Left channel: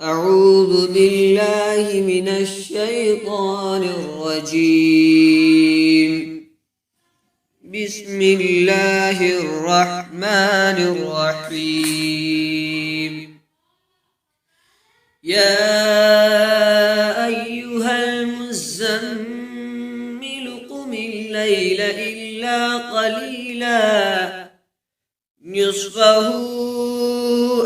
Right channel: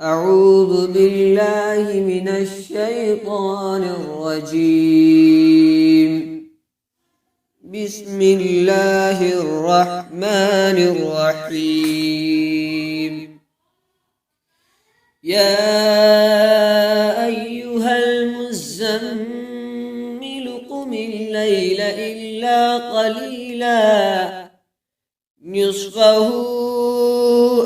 أعوذ بالله من الشيطان الرجيم. بسم الله الرحمن الرحيم. يا أيها المزمل قم الليل إلا قليلا نصفه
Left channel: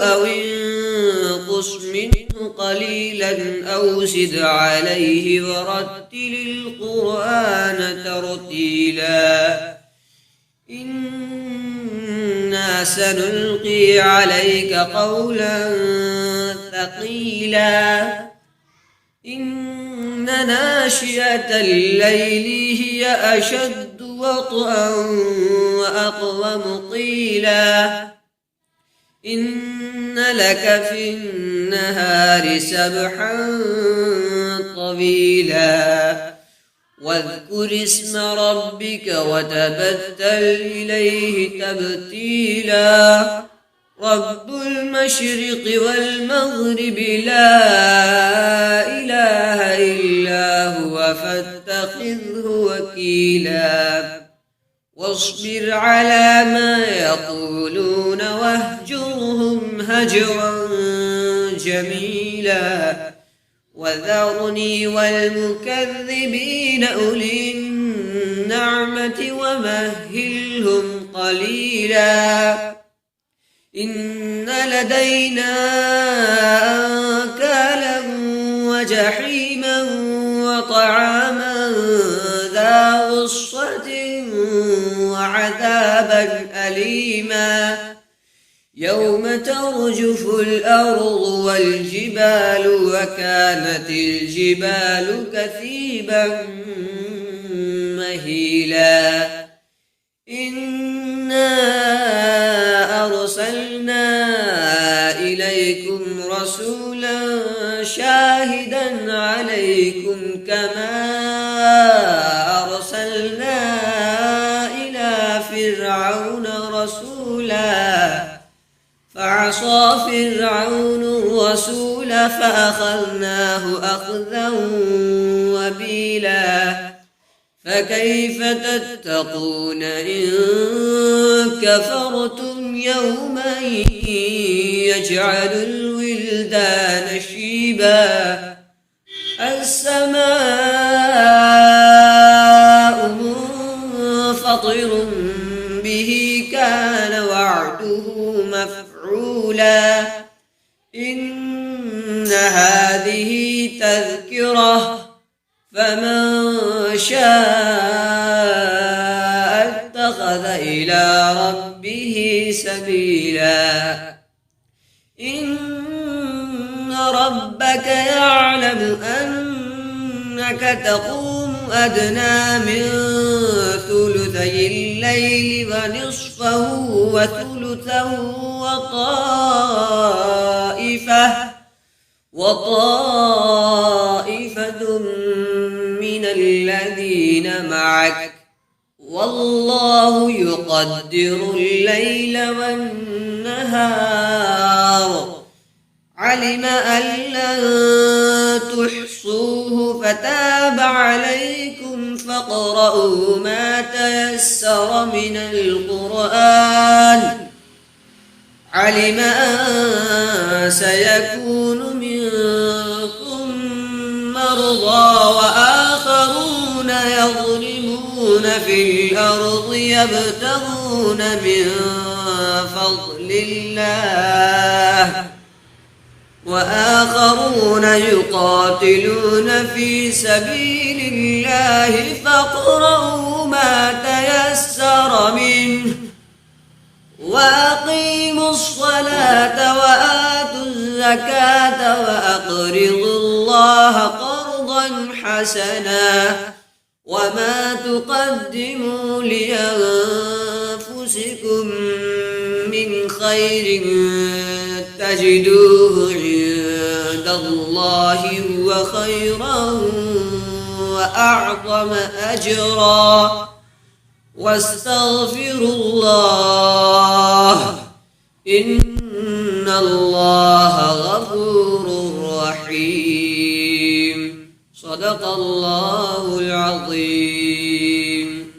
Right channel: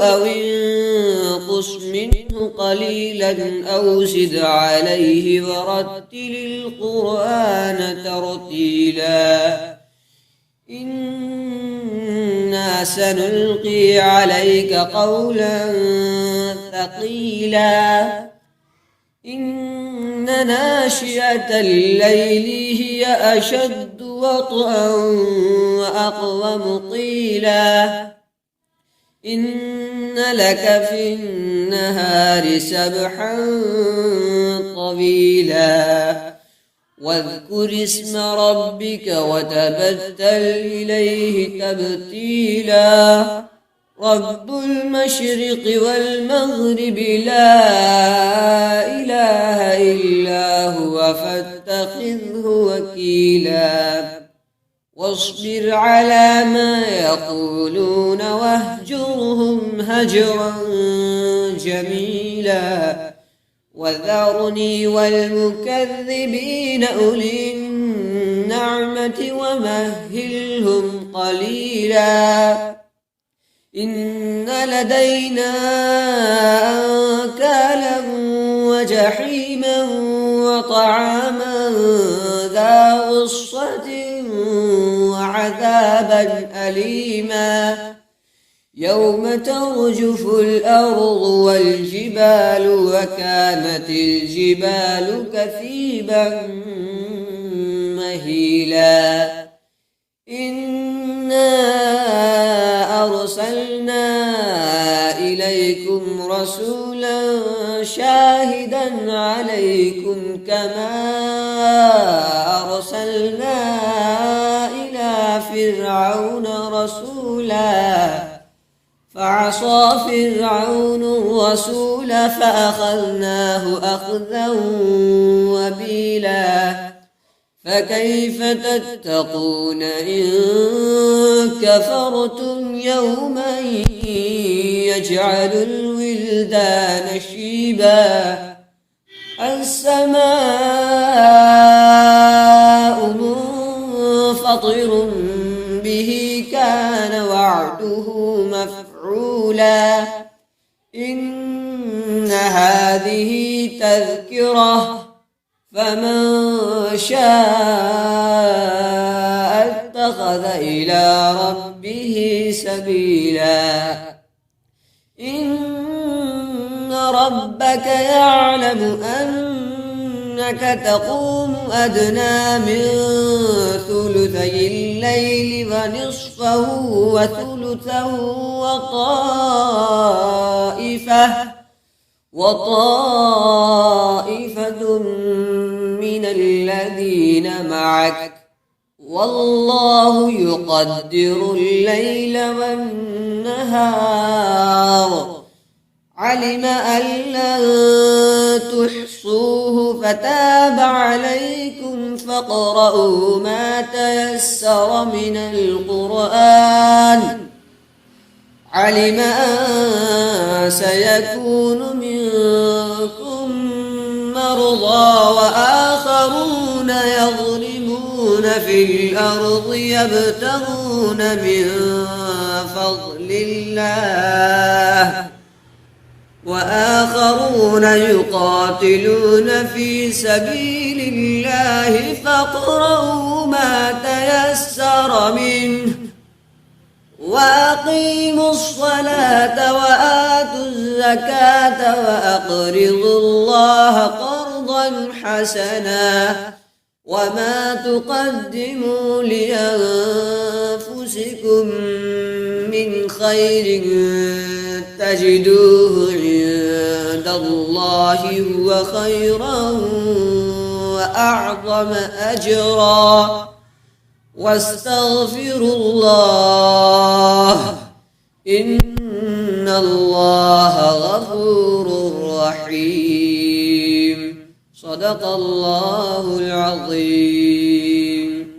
أو انقص منه قليلا أو زد عليه ورتل القرآن ترتيلا إنا سنلقي عليك قولا ثقيلا إن ناشئة الليل هي أشد وطئا وأقوم قيلا إن لك في النهار سبحا طويلا واذكر اسم ربك وتبتل إليه تبتيلا رب المشرق والمغرب لا إله إلا هو فاتخذه وكيلا واصبر على ما يقولون واهجرهم هجرا جميلا وذرني والمكذبين أولي النعمة ومهلهم قليلا إن لدينا أنكالا وجحيما وطعاما ذا غصة وعذابا أليما يوم ترجف الأرض والجبال وكانت الجبال كثيبا مهيلا إنا أرسلنا إليكم رسولا شاهدا عليكم كما أرسلنا إلى فرعون رسولا فعصى فرعون الرسول فأخذناه أخذا وبيلا فكيف تتقون إن كفرتم يوما يجعل الولدان شيبا السماء منفطر به كان وعده مفعولا إن هذه تذكرة فمن شاء اتخذ إلى ربه سبيلا إن ربك يعلم أنك تقوم أدنى من ثلثي الليل ونصفه وثلثه وطائفة من الذين معك والله يقدر الليل والنهار علم أن لن تحصوه فتاب عليكم فاقرؤوا ما تيسر من القرآن علم أن سيكون منكم مرضى وآخرون يضربون في الأرض يبتغون من فضل الله وآخرون يقاتلون في سبيل الله فاقرؤوا ما تيسر منه وأقيموا الصلاة وآتوا الزكاة وأقرضوا الله قرضا حسنا وما تقدموا لأنفسكم من خير تجدوه عند الله هو خيرا وأعظم أجرا واستغفروا الله إن الله غفور الرحيم. صدق الله العظيم.